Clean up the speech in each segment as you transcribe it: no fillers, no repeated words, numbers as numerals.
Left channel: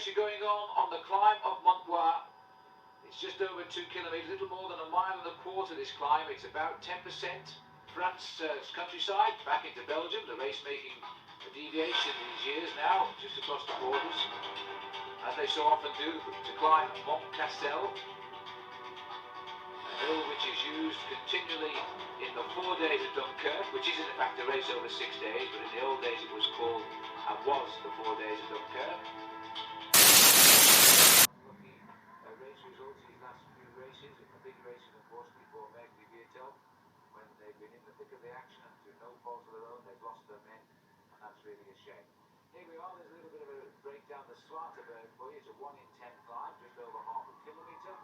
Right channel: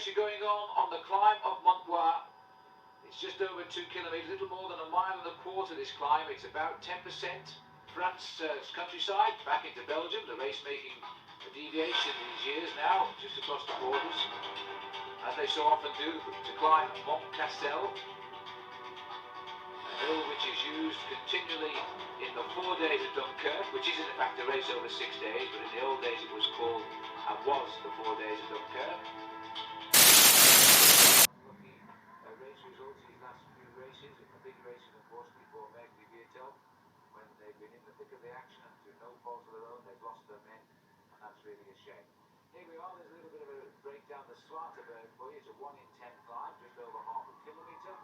pressure going on the climb of Mont Noir. It's just over 2 kilometres, a little more than a mile and a quarter this climb. It's about 10%. France's countryside, back into Belgium, the race making a deviation these years now, just across the borders, as they so often do, to climb Mont Castel, a hill which is used continually in the 4 days of Dunkirk, which is in fact a race over 6 days, but in the old days it was called and was the 4 days of Dunkirk. Lucky race results these last few races, in the big races unfortunately for Meg Vietel, when they've been in the thick of the action and through no fault of their own they've lost their men, and that's really a shame. Here we are, there's a little bit of a break down the Zwaarteberg for you. It's a 1 in 10 climb, just over half a kilometre.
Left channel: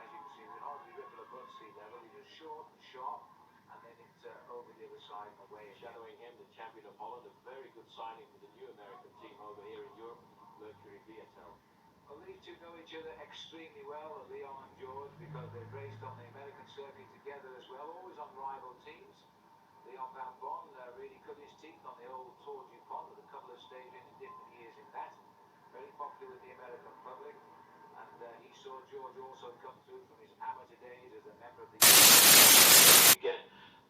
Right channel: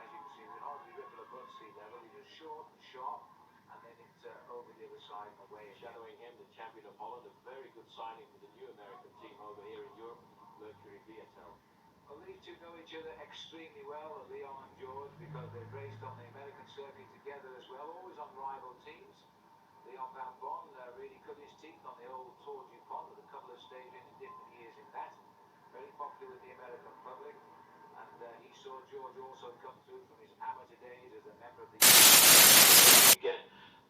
As you can see, we hardly ripple above sea level. It's just short and sharp, and then it's over the other side and away. Shadowing him, the champion of Holland, a very good signing for the new American team over here in Europe, Mercury Vietel. Well, these two know each other extremely well, Leon and George, because they've raced on the American circuit together as well, always on rival teams. Leon Van Bon really cut his teeth on the old Tour du Pont with a couple of stages in different years in that. Very popular with the American public. And he saw George also come through from his amateur days as a member of the... Again,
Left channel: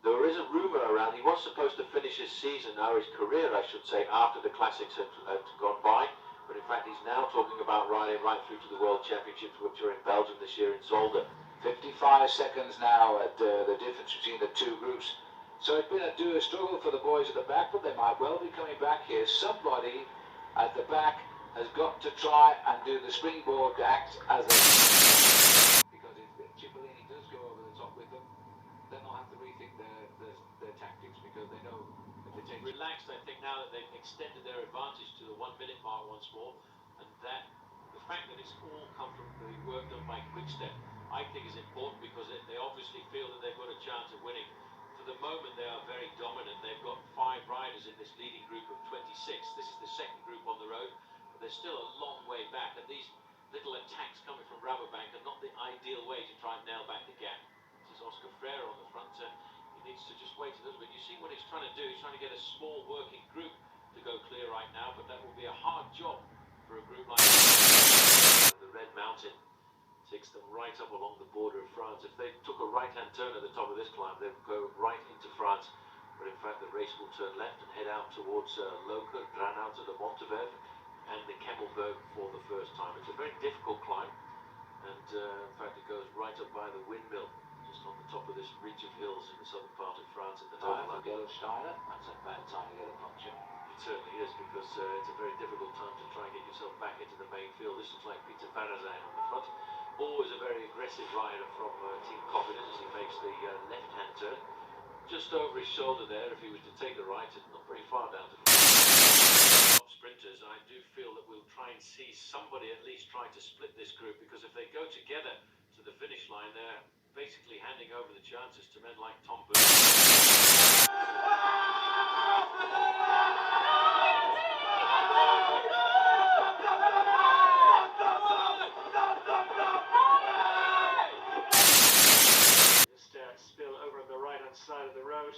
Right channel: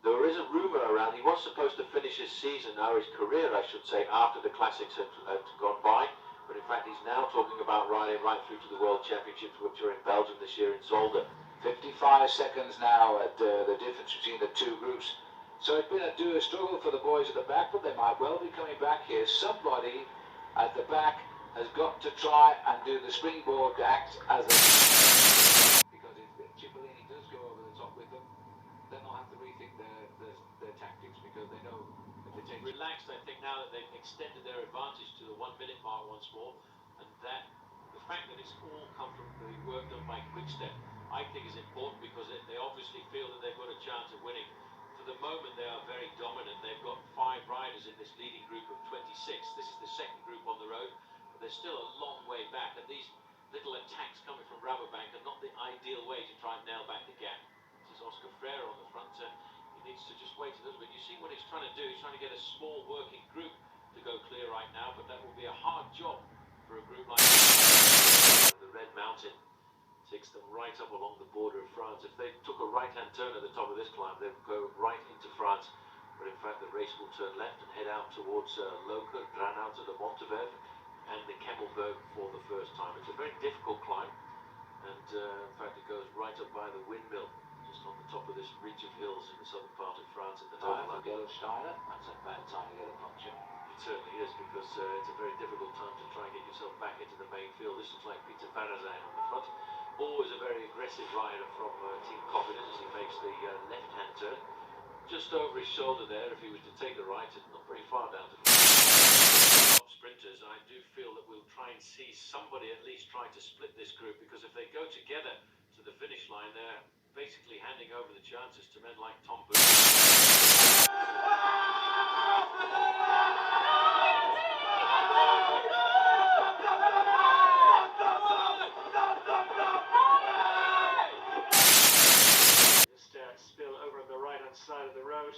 there is a rumour around he was supposed to finish his season, or his career I should say, after the Classics had gone by. But in fact he's now talking about riding right through to the World Championships, which are in Belgium this year in Zolder. 55 seconds now at the difference between the two groups. So it's been a struggle for the boys at the back, but they might well be coming back here. Somebody at the back has got to try and do the springboard act as a... Because if Cipollini does go over the top with them, then they'll have to rethink their tactics, because they know if they take... Relaxed, I think, now that they've extended their advantage to the 1 minute mark once more, and that the fact that it's all come from the work done by Quickstep, I think is important, because they obviously feel that they've got a chance of winning. For the moment they are very dominant. They've got 5 riders in this leading group of 26. This is the second group on the road, but they're still a long way back, and these little attacks coming from Rabobank are not the ideal way to try and nail back the gap. This is Oscar Freire on the front. He needs to just wait a little bit. You see what he's trying to do. He's trying to get a small working group to go clear right now, but that will be a hard job for a group like the Red Mountain. Takes them right up along the border of France. If they took a right-hand turn at the top of this climb, they'd go right into France. But in fact, the race will turn left and head out towards Loke, Granau to the Monteverf and the Kemmelberg for the first time. It's a very difficult climb, and in fact, it goes right up by the windmill, just on the top of this ridge of hills in the southern part of France at the time for Steiner. That's a bad time to get a puncture. It certainly is, because it's a very difficult time to try and get yourself back into the main field. This looks like Peter Barazan on the front. Always a very aggressive rider from Team Confidence as he makes the left-hand turn. Just over his shoulder there, if he was to take the right, it's not very far down to top sprinters. I do feel that we'll try and see somebody at least try to split this group, because if they go together to the finish line, they're basically handing over the chances to men like Tom Booth. Side of the road.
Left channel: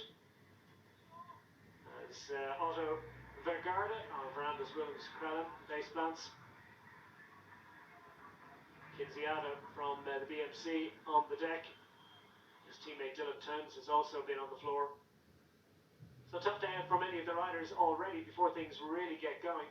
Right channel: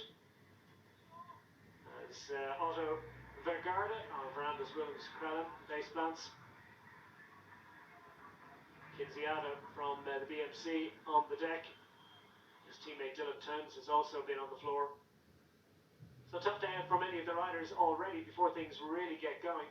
There's Otto Vergaarde on Verandas Williams Krellen, base plants. Kinziata from the BMC on the deck. His teammate Dylan Towns has also been on the floor. So tough day out for many of the riders already before things really get going.